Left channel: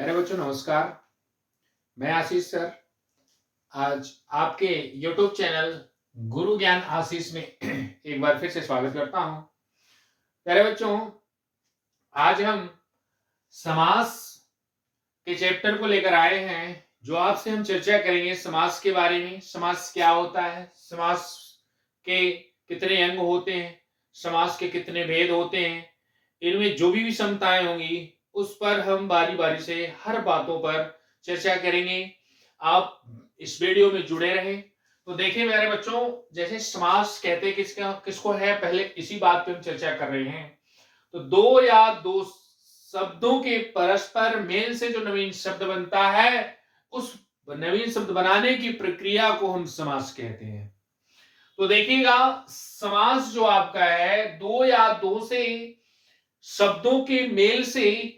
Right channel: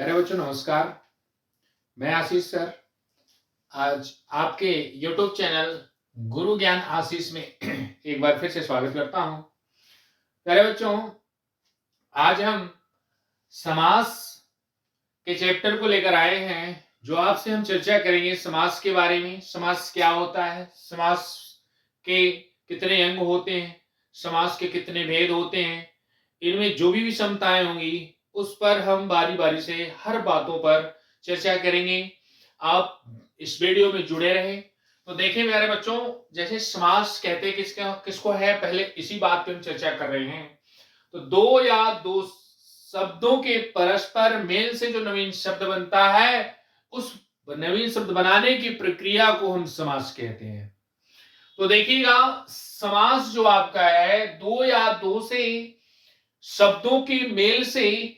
प्यारे बच्चों नमस्कार। मैं आशीष सर आज आपके YouTube चैनल गुरु ज्ञान आशीष में एक बार फिर से स्वागत करता हूं। प्यारे बच्चों, आज हम समास के चैप्टर को लेकर आए हैं, जो आपसे हम चर्चा करेंगे समास के बारे में। समास क्या होता है, समास के कितने अंग होते हैं, समास के कितने भेद होते हैं, इनमें जो भी विषमताएं होंगी उस पर हम बारी बारी से हर बातों पर चर्चा करेंगे। आप इस वीडियो में जुड़े रहें। तो देखिए मेरे बच्चों, जैसे समास कहते किसको है, पहले इसी बात पे हम चर्चा कर रहे हैं। तो दो या दो शब्दों के परस्पर मेल से जो नवीन शब्द बनता है, उस नवीन शब्द बनाने की प्रक्रिया को हम समास कहते हैं। तो देखिएगा, समास जो आपका है, दो या दो से शब्दों के मेल से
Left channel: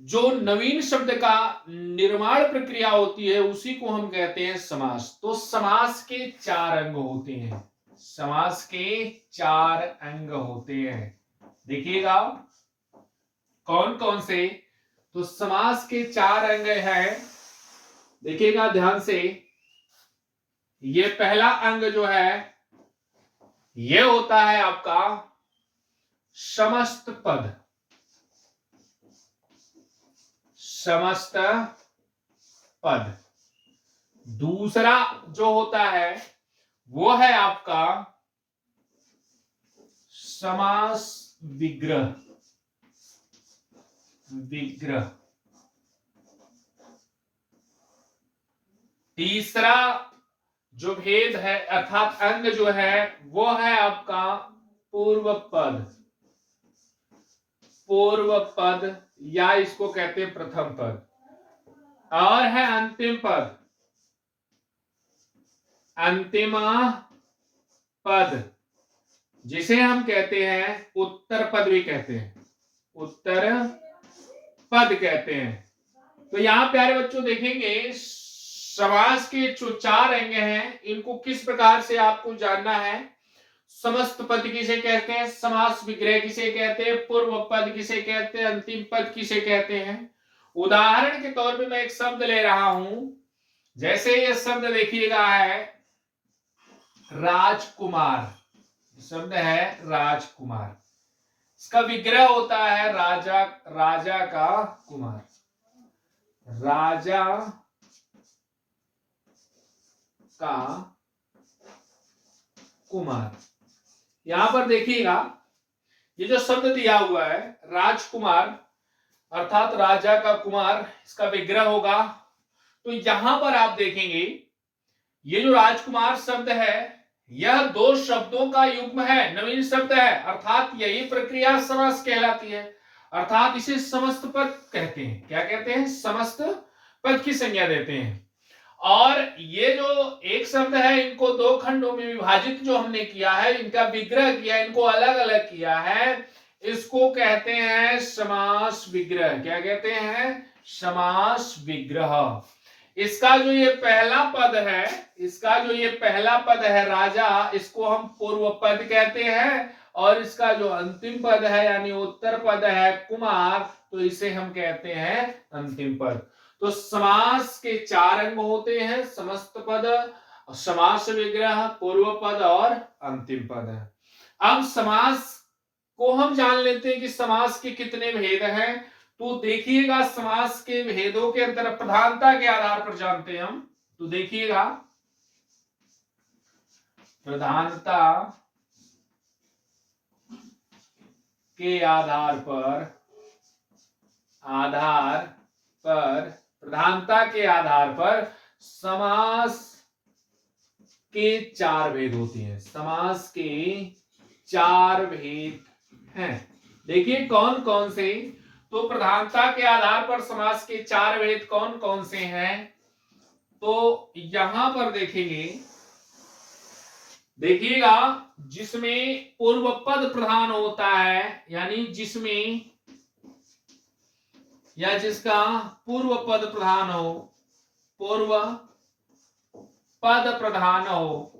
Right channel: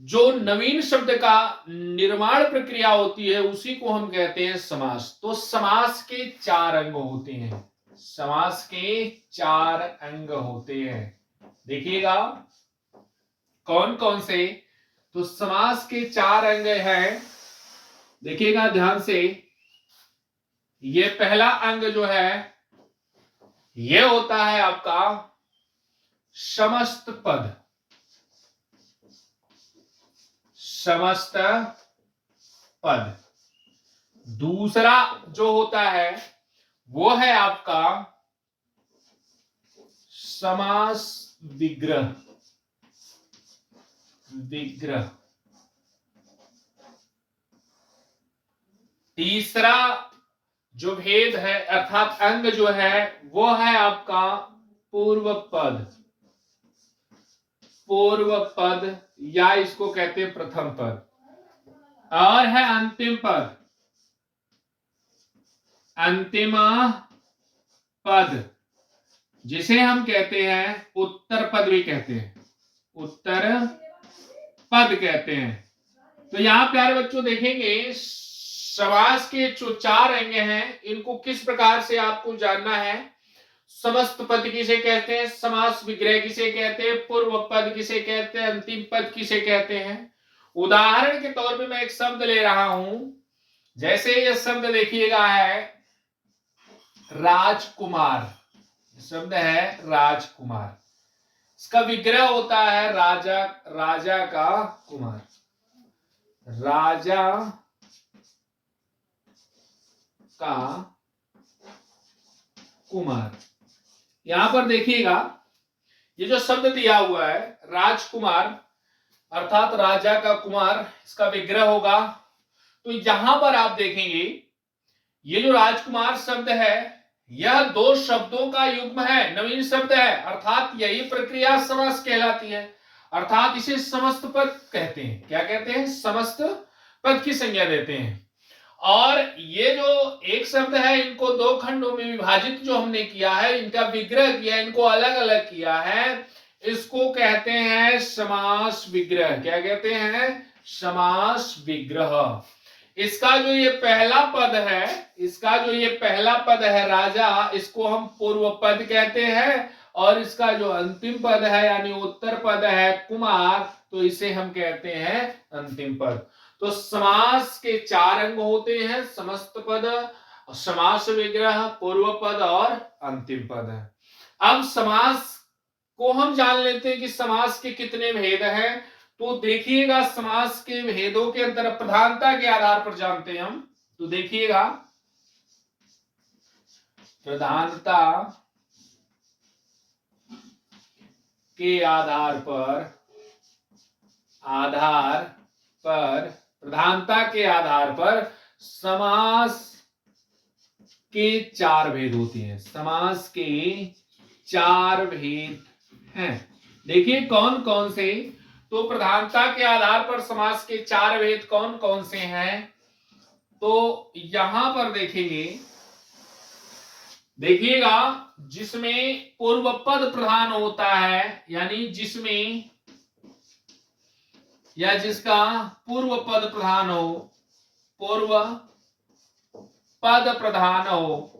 जो नवीन शब्द का निर्माण प्रक्रिया होती है, उसी को हम कहते हैं समास। तो समास के चार अंग होते हैं। समास के चार अंग होते हैं। देखिएगा कौन कौन से। तो समास के चार अंग हैं, देखिएगा ध्यान से। ये पहला अंग जो है, ये होता है आपका समस्त पद। समस्त पद। दूसरा जो होता है वो है आपका समास विग्रह। विग्रह। तीसरा जो भेद है अर्थात अंग जो है, वो है आपका पूर्व पद। पूर्व पद या इसको कहते हैं प्रथम पद। और है अंतिम पद। अंतिम पद जिसे हम कहते हैं उत्तर पद भी कहते हैं। उत्तर पद कहते हैं। तो यहां प्यारे बच्चों देखेंगे, समास के जो चार अंग हैं, इनको किस प्रकार से आपको जानना है। समस्त पद किसे कहते हैं, समास विग्रह किसे कहते हैं, पूर्व पद किसे कहते हैं, अंतिम पद किसे कहते हैं। उदाहरण के तौर पे मैं एक शब्द ले रहा हूं। जैसे ये शब्द देखिएगा है राजकुमार। शब्द है राजकुमार। इसका विग्रह होता है राजा। राजा का कुमार। राजा का कुमार। यहां पर देखिएगा, ये जो शब्द दिया हुआ है राजकुमार अर्थात राजा का कुमार, इसका विग्रह होगा। तो यहां पर आप देखेंगे, ये जो राजकुमार शब्द है, यह दो शब्दों का युग्म है, नवीन शब्द है, अर्थात यही प्रक्रिया समास कहलाती है। अर्थात इसे समस्त पद कहते हैं। क्या कहते हैं, समस्त पद की संज्ञा देते हैं। और ये जो एक शब्द है, इनको दो खंडों में विभाजित जो हमने किया है, इनका विग्रह किया, इनको अलग अलग किया है, इसको कहते हैं समास विग्रह। क्या कहते हैं, समास विग्रह। इसका जो ये पहला पद है, इसका जो ये पहला पद है राजा, इसको हम पूर्व पद कहते हैं। और इसका जो अंतिम पद है यानी उत्तर पद है कुमार, तो इसे हम कहते हैं अंतिम पद। तो समास के चार अंग होते हैं, समस्त पद, समास विग्रह, पूर्व पद और अंतिम पद है। अब समास को हम जान लेते हैं कि समास के कितने भेद हैं। तो देखिएगा, समास के भेदों के अंतर प्रधानता के आधार पर जानते हैं हम। तो देखिएगा, प्रधानता के आधार पर प्रधानता के आधार पर समास के चार भेद होते हैं। समास के चार भेद हैं। देखिए कौन कौन से। तो प्रधानता के आधार पर समास के चार भेद कौन कौन से हैं, तो यहां पर देखेंगे, देखिएगा जिसमें पूर्व पद प्रधान होता है, यानी जिसमें या जिसका पूर्व पद प्रधान हो, पूर्व पद प्रधान हो,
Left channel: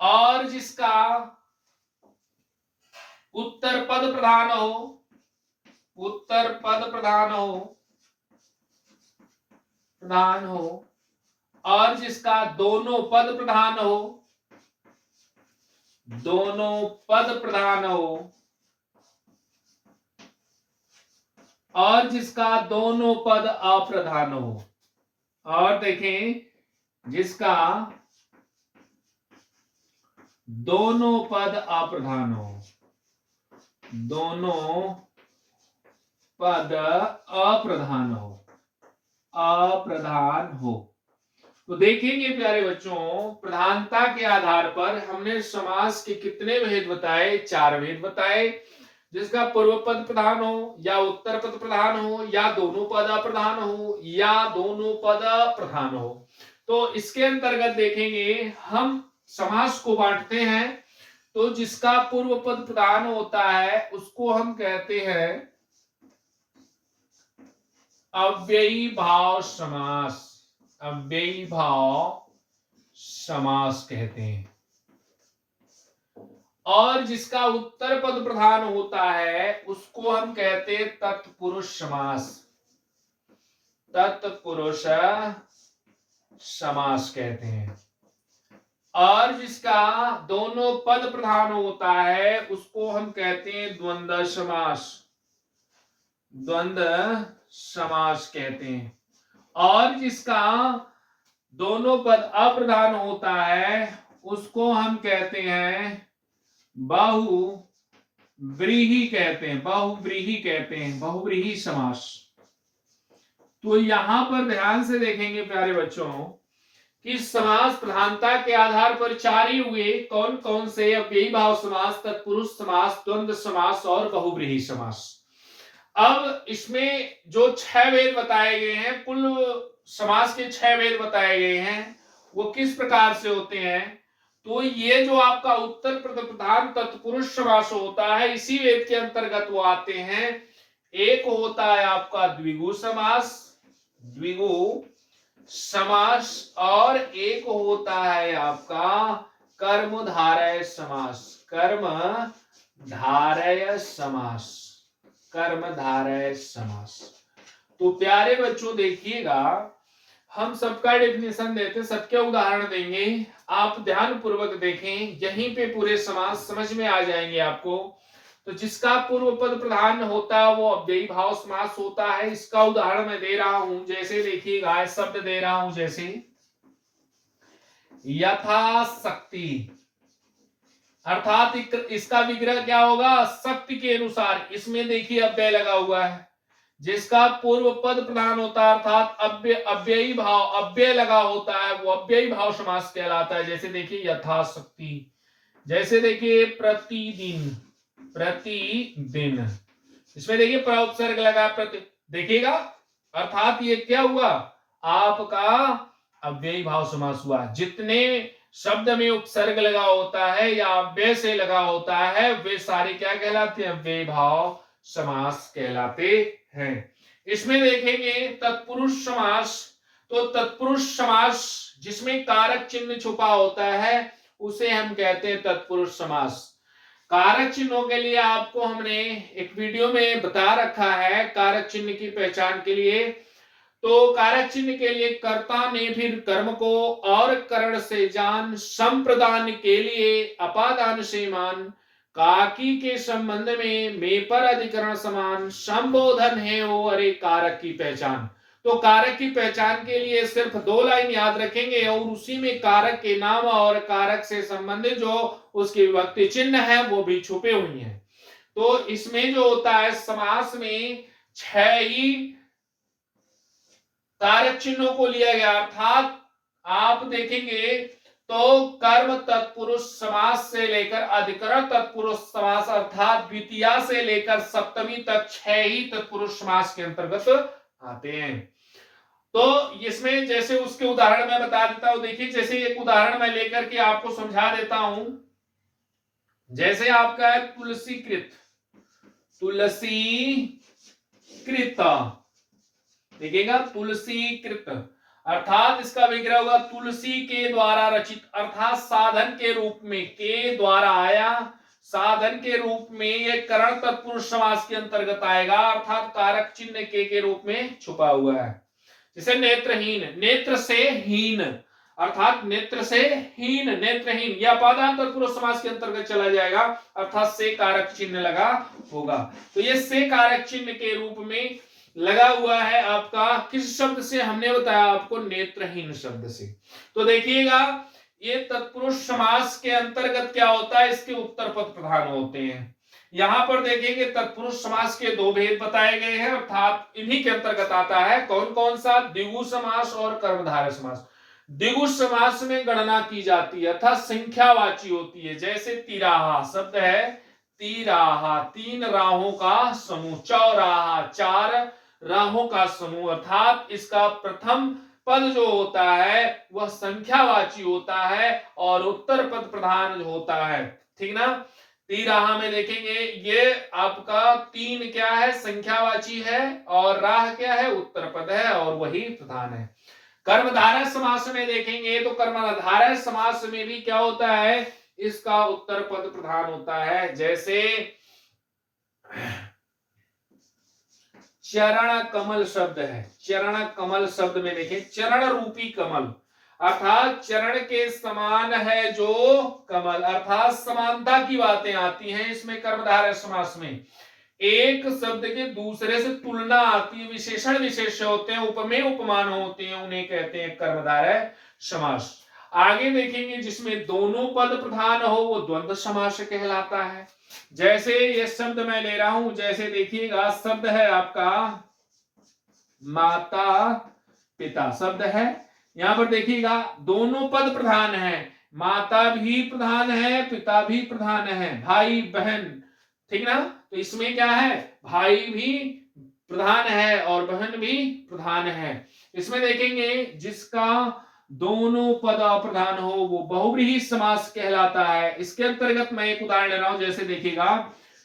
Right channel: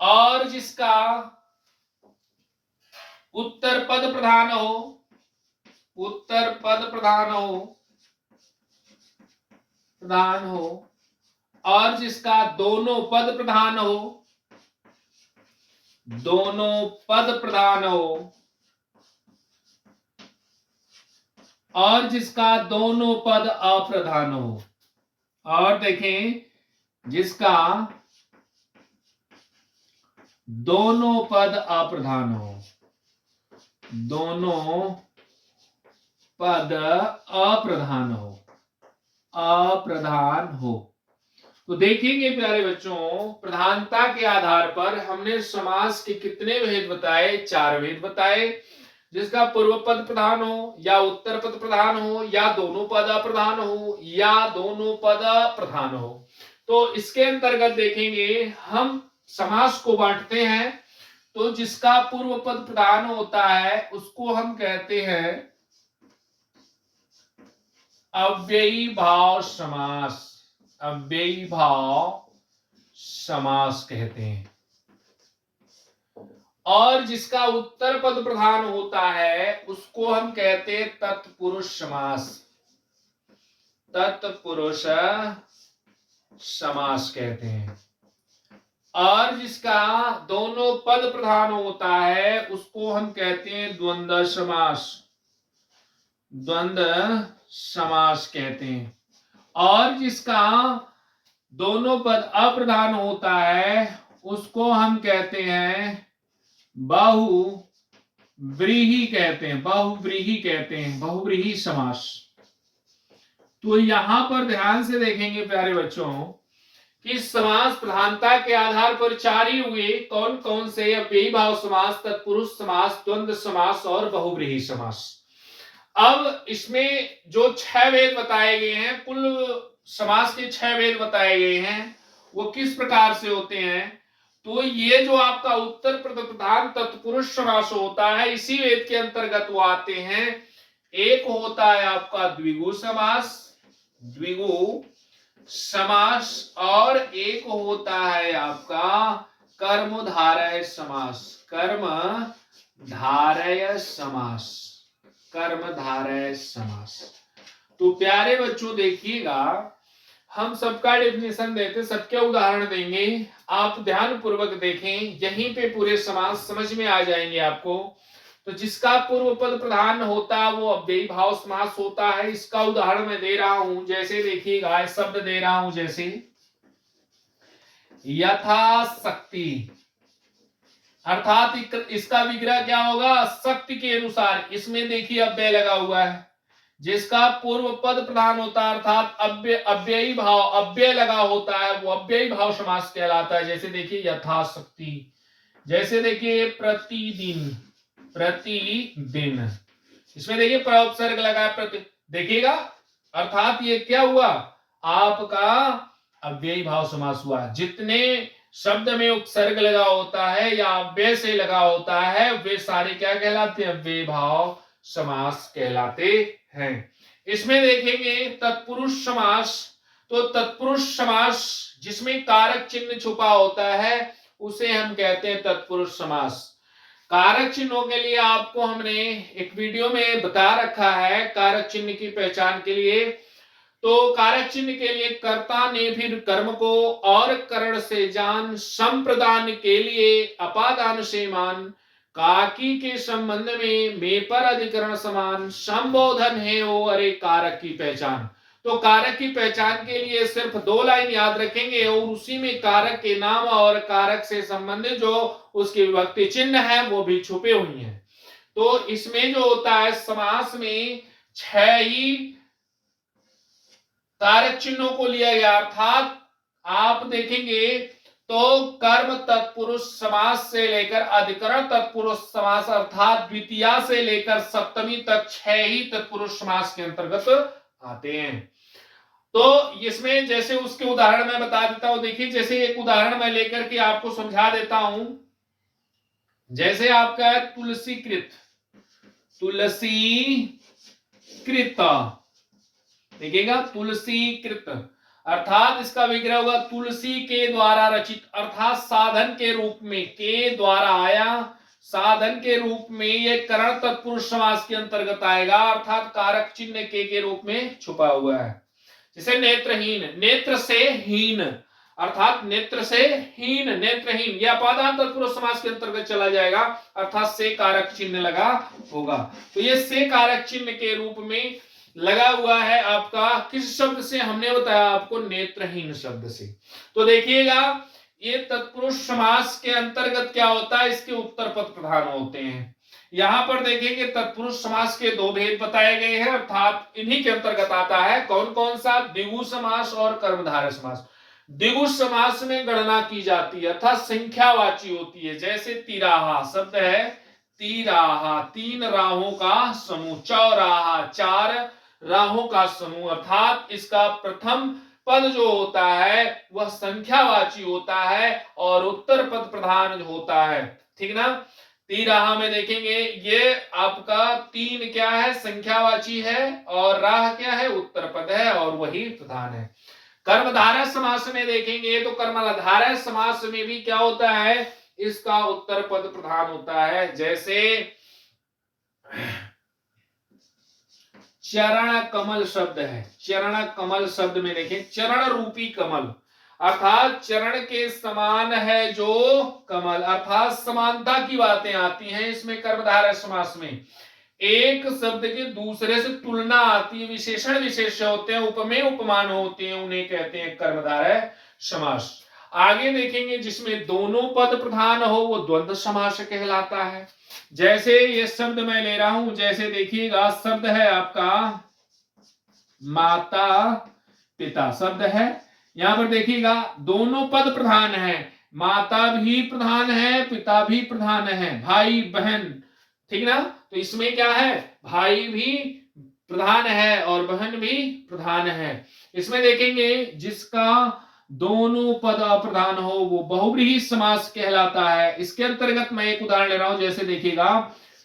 और जिसका उत्तर पद प्रधान हो, उत्तर पद प्रधान हो और जिसका दोनों पद प्रधान हो और जिसका दोनों पद अप्रधान हो। और देखें, जिसका दोनों पद अप्रधान हो, दोनों पद अप्रधान हो। तो देखेंगे प्यारे बच्चों, प्रधानता के आधार पर हमने समास के कितने भेद बताए? 4 भेद बताए। जिसका पूर्व पद प्रधान हो या उत्तर पद प्रधान हो या दोनों पद अप्रधान हो या दोनों पद प्रधान हो। तो इसके अंतर्गत देखेंगे हम समास को बांटते हैं। तो जिसका पूर्व पद प्रधान होता है उसको हम कहते हैं अव्ययी भाव समास। अव्ययी भाव समास कहते हैं। और जिसका उत्तर पद प्रधान होता है उसको हम कहते हैं तत्पुरुष समास। तत्पुरुष समास कहते हैं। और जिसका दोनों पद प्रधान होता है उसको हम कहते हैं द्वंद्व समास। द्वंद्व समास कहते हैं। और जिसका दोनों पद अप्रधान होता है उसको हम कहते हैं बहुव्रीहि कहते हैं। बहुव्रीहि समास। तो यहां पर ध्यान से देखेंगे प्यारे बच्चों कि समास प्रधानता के आधार पर 4 ही हुए। कौन कौन से? अव्ययी भाव समास, तत्पुरुष समास, द्वंद्व समास और बहुव्रीहि समास। अब इसमें जो 6 भेद बताए गए हैं, कुल समास के 6 भेद बताए गए हैं, वो किस प्रकार से होते हैं? तो ये जो आपका उत्तर पद प्रधान तत्पुरुष समास होता है, इसी वेद के अंतर्गत वो आते हैं। एक होता है आपका द्विगु समास और एक होता है आपका कर्मधारय समास। तो प्यारे बच्चों देखिएगा, हम सबका डेफिनेशन देते, सबके उदाहरण देंगे। आप ध्यान पूर्वक देखें, यहीं पे पूरे समास समझ में आ जाएंगे आपको। तो जिसका पूर्व पद प्रधान होता है वो अव्ययी भाव समास होता है। इसका उदाहरण मैं दे रहा हूं, जैसे देखिएगा, शब्द दे रहा हूं, जैसे यथाशक्ति, अर्थात इसका विग्रह क्या होगा? शक्ति के अनुसार। इसमें देखिए अव्यय लगा हुआ है। जिसका पूर्व पद प्रधान होता है अर्थात अव्ययी भाव अव्यय लगा होता है वो अव्ययी भाव समास कहलाता है। जैसे देखिए यथाशक्ति, जैसे देखिए प्रतिदिन। इसमें देखिए उपसर्ग लगा प्रति, देखिएगा, अर्थात ये क्या हुआ? आपका अव्ययी भाव समास हुआ। जितने शब्द में उपसर्ग लगा होता है या अव्यय से लगा होता है वे सारे क्या कहलाते हैं? अव्ययी भाव समास कहलाते हैं। इसमें देखेंगे तत्पुरुष समास। तो तत्पुरुष समास जिसमें कारक चिन्ह छुपा होता है उसे हम कहते हैं तत्पुरुष समास। कारक चिन्हों के लिए आपको हमने एक वीडियो में बता रखा है कारक चिन्ह की पहचान के लिए। तो कारक चिन्ह के लिए कर्ता ने फिर कर्म को और करण से जान, संप्रदान के लिए अपादान से मान, काकी के संबंध में पर अधिकरण समान, संबोधन है हो अरे कारक की पहचान। तो कारक की पहचान के लिए सिर्फ 2 लाइन याद रखेंगे और उसी में कारक के नाम और कारक से संबंधित जो उसकी विभक्ति चिन्ह है वो भी छुपे हुए हैं। तो इसमें जो होता है समास में 6 ही कारक चिन्हों को लिया गया। अर्थात आप देखेंगे तो कर्म तत्पुरुष समास से लेकर अधिकरण तत्पुरुष समास अर्थात द्वितीया से लेकर सप्तमी तक 6 ही तत्पुरुष समास के अंतर्गत आते हैं। तो इसमें जैसे उसके उदाहरण मैं बता देता हूं। देखिए, जैसे एक उदाहरण मैं लेकर के आपको समझा देता हूं। जैसे आपका है तुलसीकृत, देखिएगा तुलसीकृत, अर्थात इसका विग्रह होगा तुलसी के द्वारा रचित, अर्थात साधन के रूप में के द्वारा आया, साधन के रूप में ये करण तत्पुरुष समास के अंतर्गत आएगा, अर्थात कारक चिन्ह के रूप में छुपा हुआ है। जैसे नेत्रहीन, नेत्र से हीन, अर्थात नेत्र से हीन, नेत्रहीन, यह अपादान तत्पुरुष समास के अंतर्गत चला जाएगा, अर्थात से कारक चिन्ह लगा होगा। तो ये से कारक चिन्ह के रूप में लगा हुआ है आपका किस शब्द से, हमने बताया आपको नेत्रहीन शब्द से। तो देखिएगा ये तत्पुरुष समास के अंतर्गत क्या होता है, इसके उत्तर पद प्रधान होते हैं। यहां पर देखेंगे तत्पुरुष समास के दो भेद बताए गए हैं, अर्थात इन्हीं के अंतर्गत आता है कौन कौन सा, द्विगु समास और कर्मधारय समास। द्विगु समास में गणना की जाती है, अर्थात संख्यावाची होती है। जैसे तिराहा शब्द है, तिराहा तीन राहों का समूह, चौराहा चार राहों का समूह, अर्थात इसका प्रथम पद जो होता है वह संख्यावाची होता है और उत्तर पद प्रधान होता है, ठीक ना। तिराहा में देखेंगे ये आपका तीन क्या है, संख्यावाची है, और राह क्या है, उत्तर पद है, और वही प्रधान है। कर्मधारय समास में देखेंगे तो कर्मधारय समास में भी क्या होता है, इसका उत्तर पद प्रधान होता है। जैसे चरण कमल शब्द है, चरण कमल शब्द में देखिए चरण रूपी कमल, अर्थात चरण के समान है जो कमल, अर्थात समानता की बातें आती हैं इसमें कर्मधारय समास में। एक शब्द के दूसरे से तुलना आती है, विशेषण विशेष्य होते हैं, उपमेय उपमान होते हैं, उन्हें कहते हैं कर्मधारय समास। आगे देखेंगे जिसमें दोनों पद प्रधान हो वो द्वंद्व समास कहलाता है। जैसे ये शब्द मैं ले रहा हूं, जैसे देखिएगा शब्द है आपका माता पिता शब्द है, यहां पर देखिएगा दोनों पद प्रधान है, माता भी प्रधान है पिता भी प्रधान है, भाई बहन, ठीक ना। तो इसमें क्या है, भाई भी प्रधान है और बहन भी प्रधान है। इसमें देखेंगे जिसका दोनों पद अप्रधान हो वो बहुव्रीहि समास कहलाता है। इसके अंतर्गत मैं एक उदाहरण ले रहा हूं, जैसे देखिएगा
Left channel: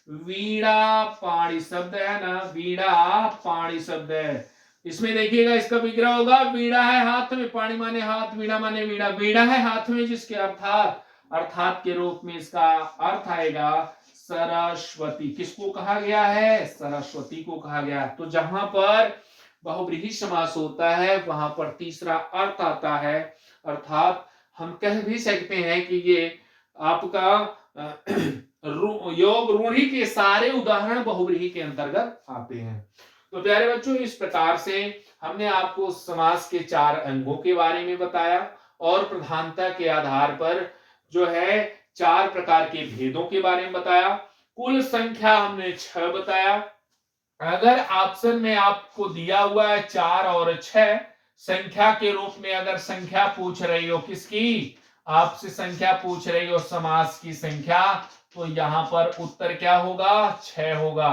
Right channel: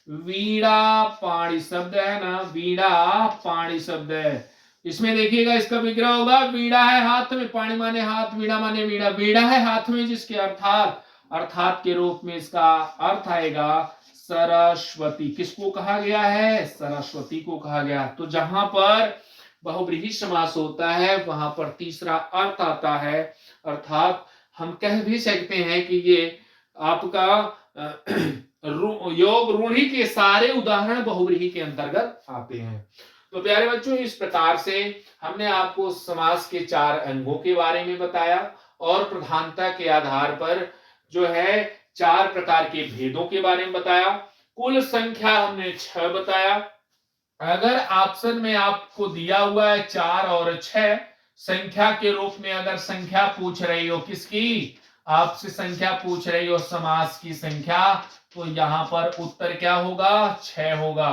वीणा पाणी शब्द है ना, वीणा पाणी शब्द है, इसमें देखिएगा इसका विग्रह होगा, वीणा है हाथ में, पाणी माने हाथ, वीणा माने वीणा, वीणा है हाथ में जिसके अर्थात, अर्थात के रूप में इसका अर्थ आएगा सरस्वती। किसको कहा गया है, सरस्वती को कहा गया। तो जहां पर बहुव्रीहि समास होता है वहां पर तीसरा अर्थ आता है, अर्थात हम कह भी सकते हैं कि ये आपका योग रूढ़ी के सारे उदाहरण बहुव्रीहि के अंतर्गत आते हैं। तो प्यारे बच्चों इस प्रकार से हमने आपको समास के चार अंगों के बारे में बताया और प्रधानता के आधार पर जो है चार प्रकार के भेदों के बारे में बताया। कुल संख्या हमने 6 बताया। अगर ऑप्शन में आपको दिया हुआ है 4 और 6 संख्या के रूप में, अगर संख्या पूछ रही हो किसकी, आपसे संख्या पूछ रही हो समास की संख्या, तो यहां पर उत्तर क्या होगा, 6 होगा।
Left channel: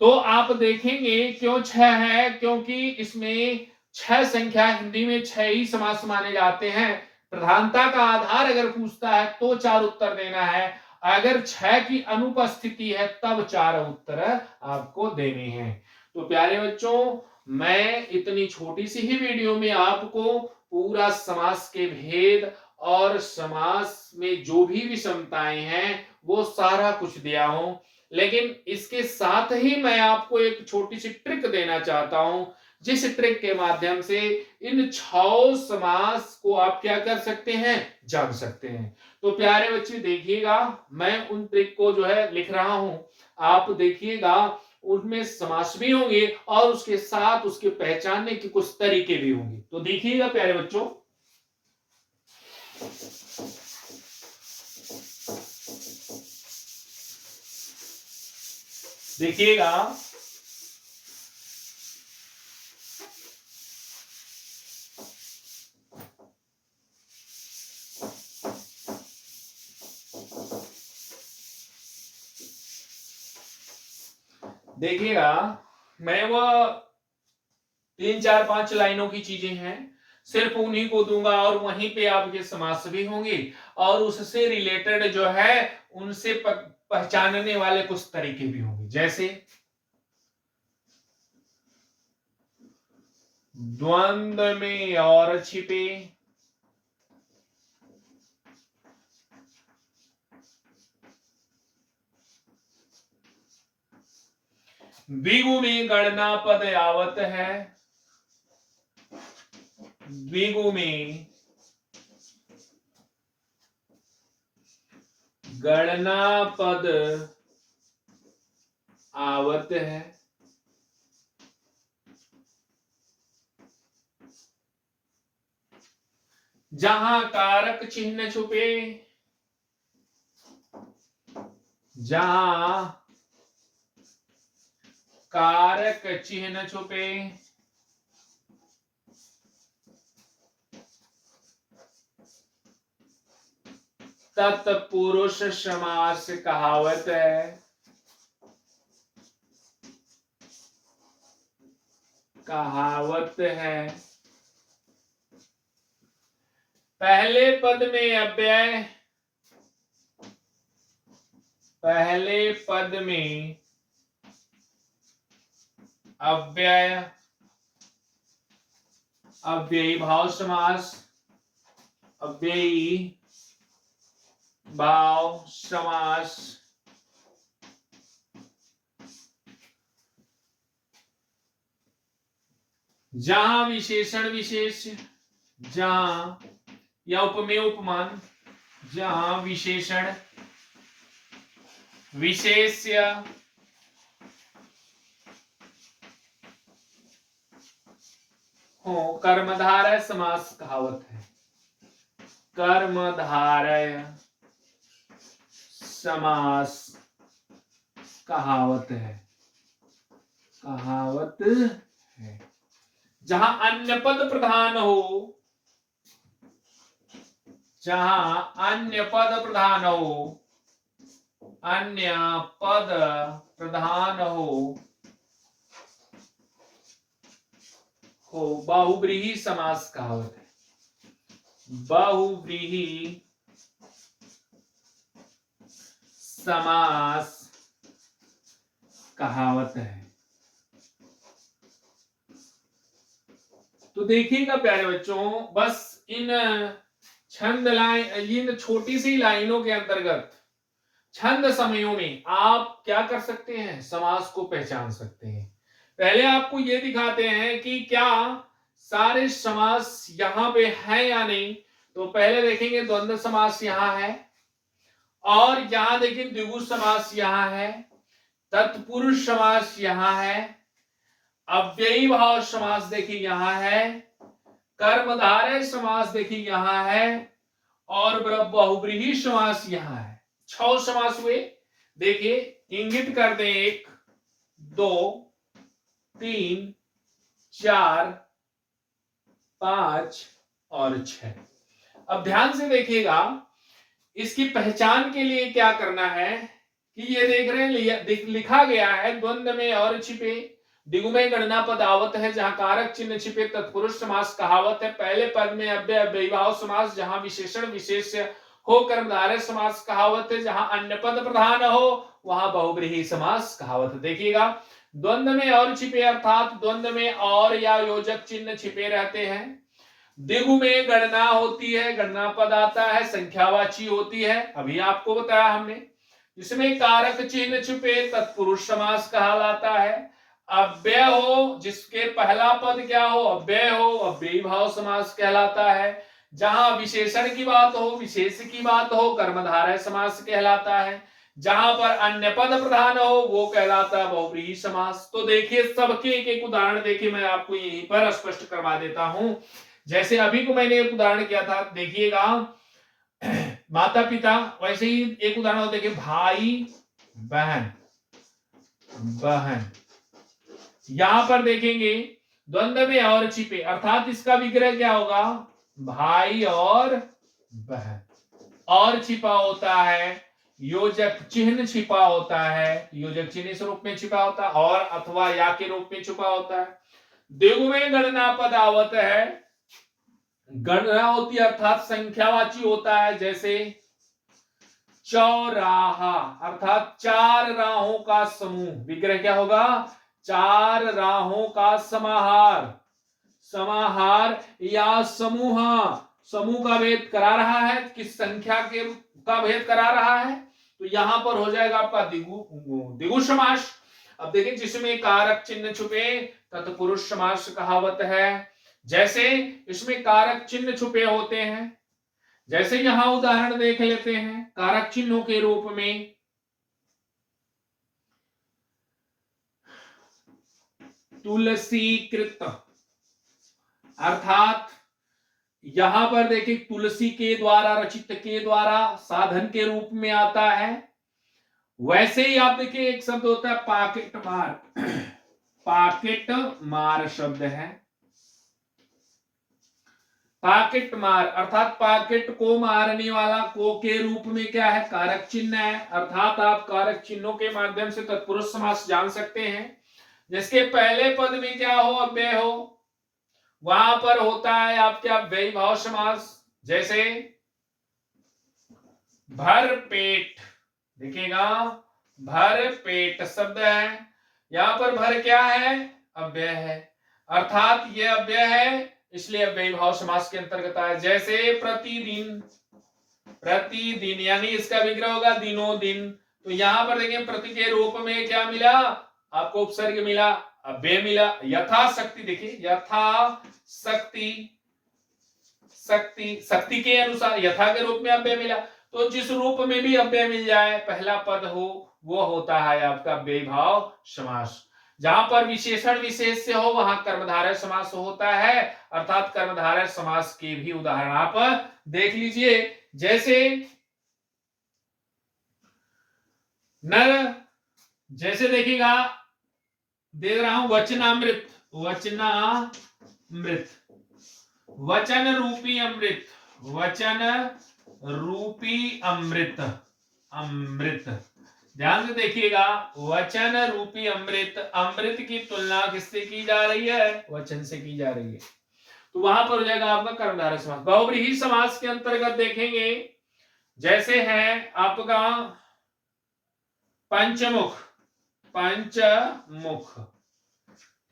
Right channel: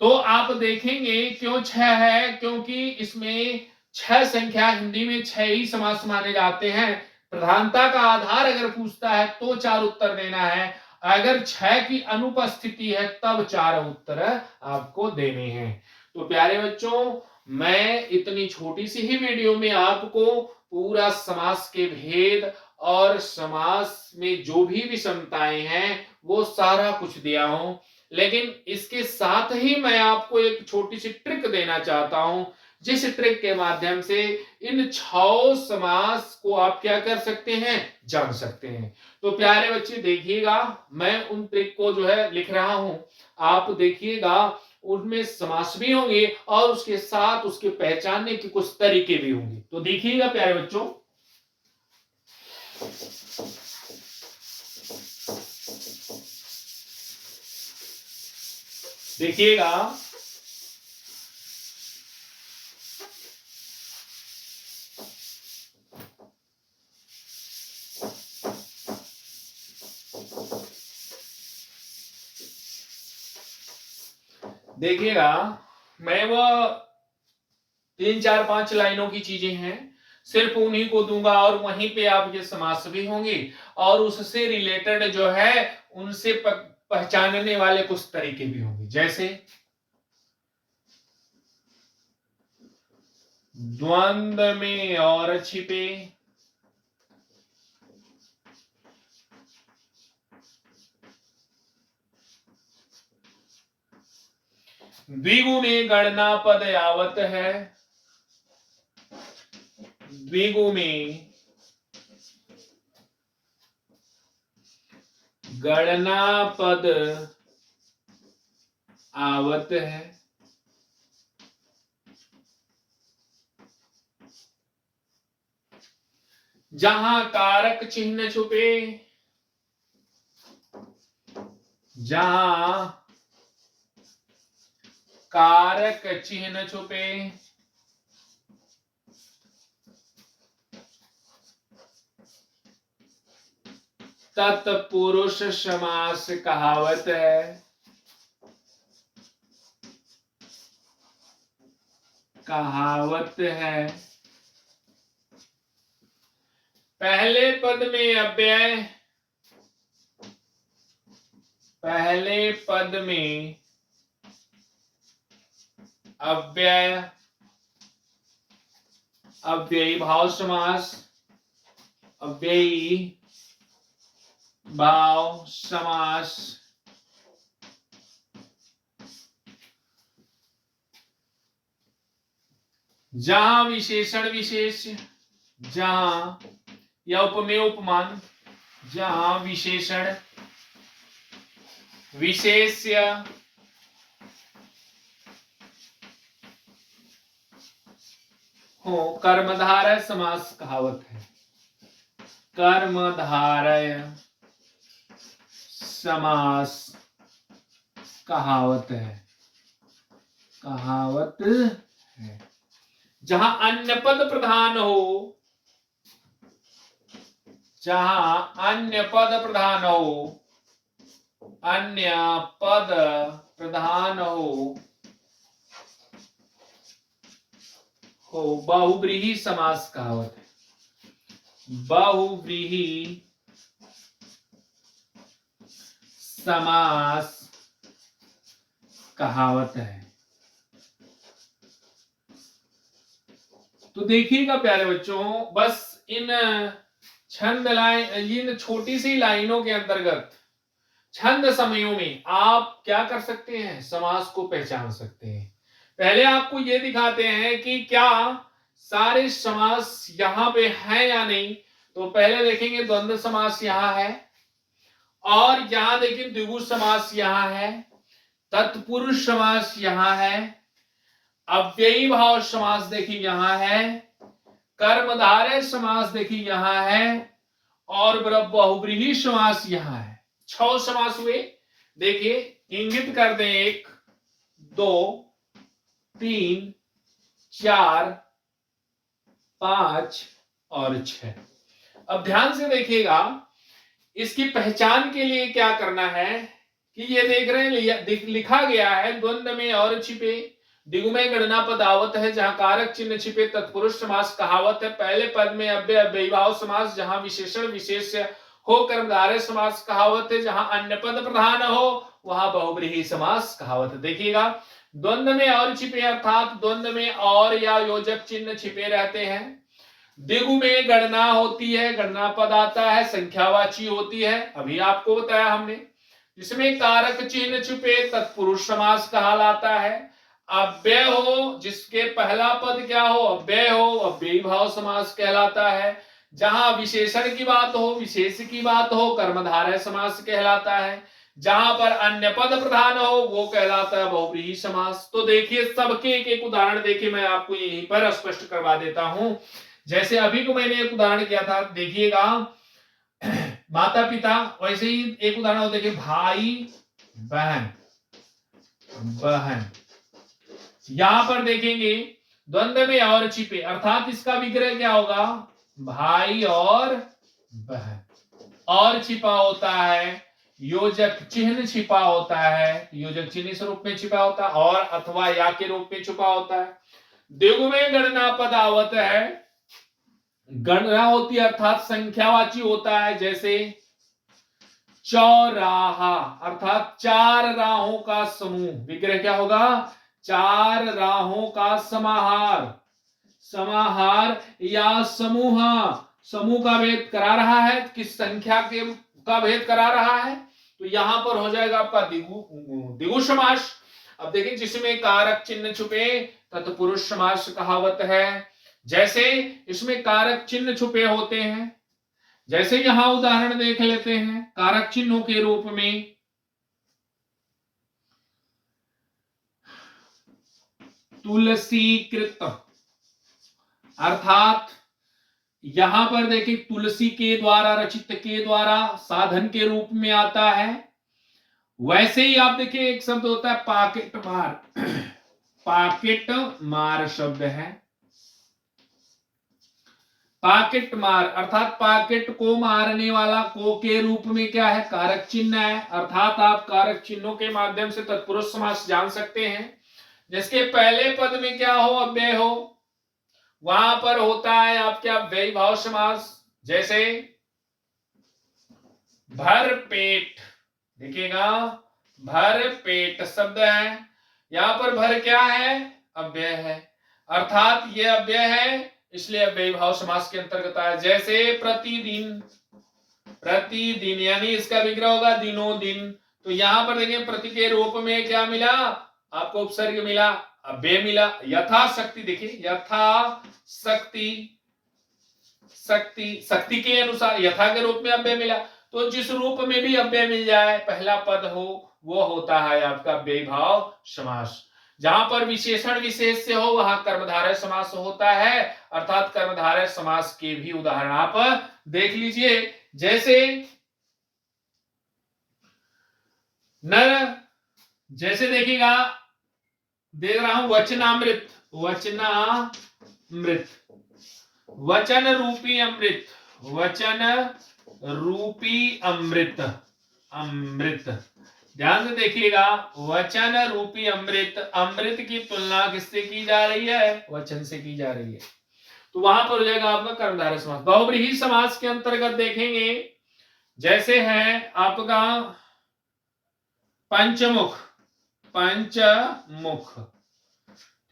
तो आप देखेंगे क्यों 6 है, क्योंकि इसमें 6 संख्या, हिंदी में 6 ही समास माने जाते हैं। प्रधानता का आधार अगर पूछता है तो 4 उत्तर देना है, अगर 6 की अनुपस्थिति है तब 4 उत्तर आपको देने हैं। तो प्यारे बच्चों मैं इतनी छोटी सी ही वीडियो में आपको पूरा समास के भेद और समास में जो भी विषमताएं हैं वो सारा कुछ दिया हूं, लेकिन इसके साथ ही मैं आपको एक छोटी सी ट्रिक देना चाहता हूं, जिस ट्रिक के माध्यम से इन 6 समास को आप क्या कर सकते हैं, जान सकते हैं। तो प्यारे बच्चे देखिएगा मैं उन ट्रिक को जो है लिख रहा हूं, आप देखिएगा उनमें समास भी होंगे और उसके साथ उसके पहचानने के कुछ तरीके भी होंगे। तो देखिएगा प्यारे बच्चों, देखिएगा देखिएगा मैं वह 3 4 5 लाइनों की चीजें हैं, सिर्फ उन्हीं को दूंगा और वहीं पे आपके समास भी होंगे और उससे रिलेटेड जो है उनसे पहचानने वाले कुछ तरीके भी होंगे। जैसे द्वंद्व में और छिपे, द्विगु में गणना पद आवत है, द्विगु में गणना पद आवत है। जहां कारक चिन्ह छुपे, जहां कारक चिन्ह छुपे, तत्पुरुष समास कहावत है, कहावत है। पहले पद में अव्यय, पहले पद में अव्यय, अव्ययी भाव समास, अव्ययी भाव समास। जहां विशेषण विशेष, जहां या उपमेय उपमान, जहां विशेषण विशेष्य हो, कर्मधारय समास कहावत है, कर्मधारय समास कहावत है, कहावत है। जहां अन्य पद प्रधान हो, जहां अन्य पद प्रधान हो, अन्य पद प्रधान हो बहुव्रीहि समास कहावत है, बहुव्रीहि समास कहावत है। तो देखिएगा प्यारे बच्चों, बस इन छंद लाइन, इन छोटी सी लाइनों के अंतर्गत छंद समयों में आप क्या कर सकते हैं, समास को पहचान सकते हैं। पहले आपको ये दिखाते हैं कि क्या सारे समास यहां पे है या नहीं। तो पहले देखेंगे द्वंद्व समास यहां है, और यहां देखिए द्विगु समास यहां है, तत्पुरुष समास यहां है, अव्ययी भाव समास देखिए यहां है, कर्मधारय समास देखिए यहां है, और बहुव्रीहि समास यहां है। 6 समास हुए। देखिए इंगित कर दें 1 2 3 4 5 और 6। अब ध्यान से देखिएगा, इसकी पहचान के लिए क्या करना है कि ये देख रहे हैं लिखा गया है द्वंद्व में और छिपे, द्विगु में गणना पद आवत है, जहां कारक चिन्ह छिपे तत्पुरुष समास कहावत है। पहले पद में अव्यय अव्ययी भाव समास, जहां विशेषण विशेष्य हो कर्मधारय समास कहावत है, जहां अन्य पद प्रधान हो वहां बहुव्रीहि समास कहावत है। देखिएगा द्वंद्व में और छिपे अर्थात द्वंद्व में और या योजक चिन्ह छिपे रहते हैं। द्विगु में गणना होती है, गणना पद आता है, संख्यावाची होती है, अभी आपको बताया हमने। जिसमें कारक चिन्ह छुपे तत्पुरुष समास कहलाता है। अव्यय हो, जिसके पहला पद क्या हो, अव्यय हो, अव्ययी भाव समास कहलाता है। जहां विशेषण की बात हो, विशेष की बात हो, कर्मधारय समास कहलाता है। जहां पर अन्य पद प्रधान हो वो कहलाता है बहुव्रीहि समास। तो देखिए सबके एक एक उदाहरण देखिए, मैं आपको यहीं पर स्पष्ट करवा देता हूं। जैसे अभी को मैंने एक उदाहरण किया था, देखिएगा माता पिता, वैसे ही एक उदाहरण हो, देखिए भाई बहन, बहन। यहां पर देखेंगे द्वंद्व में और छिपे अर्थात इसका विग्रह क्या होगा, भाई और बहन। और छिपा होता है, योजक चिन्ह छिपा होता है, योजक चिन्ह इस रूप में छिपा होता है, और अथवा या के रूप में छिपा होता है। द्विगु में गणना पद आवत है, गणना होती है अर्थात संख्यावाची होता है। जैसे चौराहा अर्थात 4 राहों का समूह, विग्रह क्या होगा, 4 राहों का समाहार, समाहार या समूह। समूह का भेद करा रहा है, किस संख्या के का भेद करा रहा है, तो यहां पर हो जाएगा आपका द्विगु समास। अब देखिए जिसमें कारक चिन्ह छुपे तत्पुरुष समास कहावत है। जैसे इसमें कारक चिन्ह छुपे होते हैं, जैसे यहां उदाहरण देख लेते हैं कारक चिन्हों के रूप में। तुलसीकृत, अर्थात यहां पर देखिए तुलसी के द्वारा, रचित के द्वारा साधन के रूप में आता है। वैसे ही आप देखिए एक शब्द होता है पाकेट मार। पाकेट मार शब्द है। पाकेट मार अर्थात पाकेट को मारने वाला, को के रूप में क्या है, कारक चिन्ह है। अर्थात आप कारक चिन्हों के माध्यम से तत्पुरुष समास जान सकते हैं। जिसके पहले पद में क्या हो, अव्यय हो, वहां पर होता है आपके अव्ययी भाव समास। जैसे भर पेट, देखिएगा भर पेट शब्द है, यहां पर भर क्या है, अव्यय है, अर्थात यह अव्यय है इसलिए अव्ययी भाव समास के अंतर्गत आया। जैसे प्रतिदिन, प्रतिदिन यानी इसका विग्रह होगा दिनों दिन। तो यहां पर देखिए प्रति के रूप में क्या मिला आपको, उपसर्ग मिला, अव्यय मिला। यथाशक्ति, देखिए यथाशक्ति, शक्ति, शक्ति के अनुसार यथा के रूप में अव्यय मिला। तो जिस रूप में भी अव्यय मिल जाए, पहला पद हो, वो होता है आपका अव्ययी भाव समास। जहां पर विशेषण विशेष से हो वहां कर्मधारय समास होता है, अर्थात कर्मधारय समास के भी उदाहरण आप देख लीजिए। जैसे नर, जैसे देखिएगा देख रहा हूं वचनामृत, वचनामृत, वचन रूपी अमृत, वचन रूपी अमृत, अमृत। ध्यान से देखिएगा वचन रूपी अमृत, अमृत की तुलना किससे की जा रही है, वचन से की जा रही है। तो वहां पर हो जाएगा आपका कर्मधारय समास। बहुव्रीहि समास के अंतर्गत देखेंगे, जैसे है आपका पंचमुख, पंचमुख,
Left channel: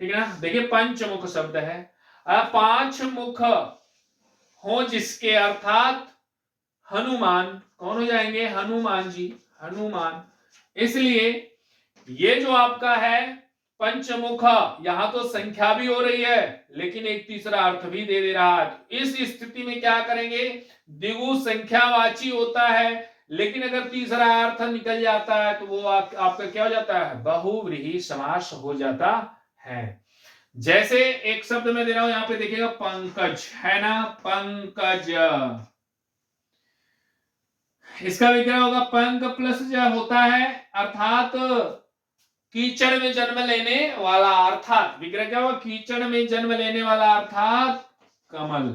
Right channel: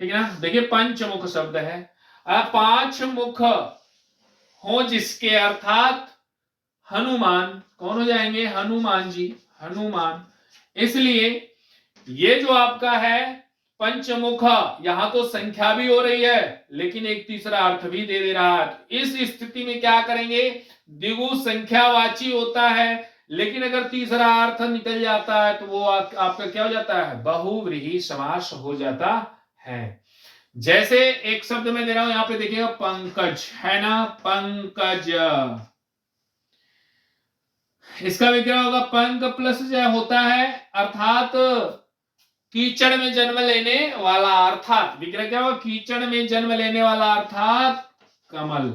ठीक है ना। देखिए पंचमुख शब्द है, पांच मुख हो जिसके, अर्थात हनुमान, कौन हो जाएंगे, हनुमान जी, हनुमान। इसलिए ये जो आपका है पंचमुख, यहां तो संख्या भी हो रही है लेकिन एक तीसरा अर्थ भी दे दे रहा है। इस स्थिति में क्या करेंगे, द्विगु संख्यावाची होता है, लेकिन अगर तीसरा अर्थ निकल जाता है तो वो आपका क्या हो जाता है, बहुव्रीहि समास हो जाता है। जैसे एक शब्द में दे रहा हूं, यहां पे देखिएगा पंकज है ना, पंकज, इसका विग्रह होगा पंक प्लस ज होता है, अर्थात कीचड़ में जन्म लेने वाला, अर्थात विग्रह क्या होगा, कीचड़ में जन्म लेने वाला अर्थात कमल।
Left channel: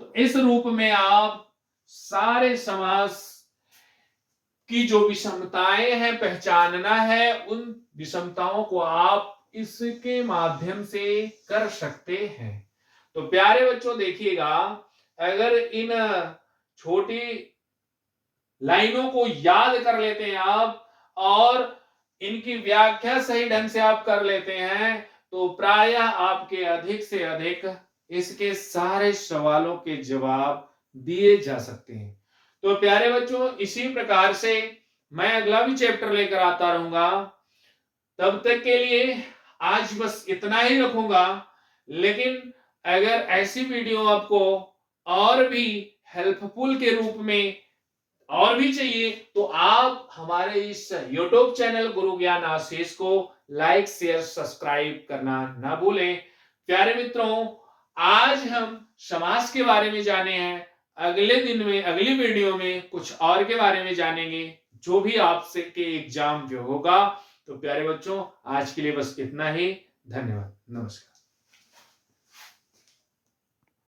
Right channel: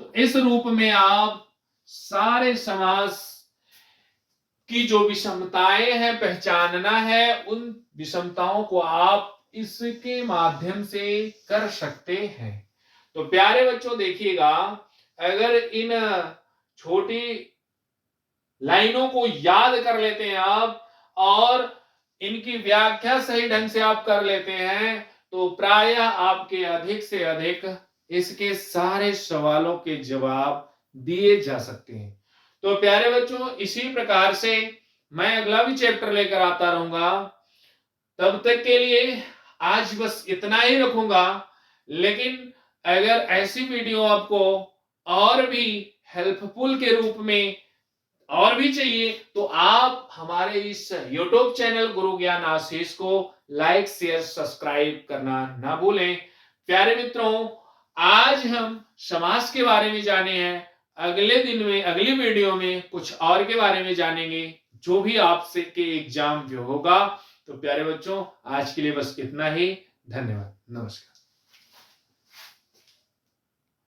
तो इस रूप में आप सारे समास की जो विषमताएं हैं पहचानना है, उन विषमताओं को आप इसके माध्यम से कर सकते हैं। तो प्यारे बच्चों देखिएगा, अगर इन छोटी लाइनों को याद कर लेते हैं आप और इनकी व्याख्या सही ढंग से आप कर लेते हैं तो प्रायः आपके अधिक से अधिक इसके सारे सवालों के जवाब दिए जा सकते हैं। तो प्यारे बच्चों इसी प्रकार से मैं अगला भी चैप्टर लेकर आता रहूंगा। तब तक के लिए आज बस इतना ही रखूंगा, लेकिन अगर ऐसी वीडियो आपको और भी हेल्पफुल के रूप में और भी चाहिए तो आप हमारे इस YouTube चैनल गुरु ज्ञान आशीष को लाइक शेयर सब्सक्राइब करना ना भूलें। प्यारे मित्रों, आज हम समास के बारे में जाने हैं, अगले दिन में अगली वीडियो में कुछ और के बारे में जानेंगे जो भी आपसे के एग्जाम जो होगा। तो प्यारे बच्चों आज के लिए बस इतना ही, धन्यवाद, नमस्कार।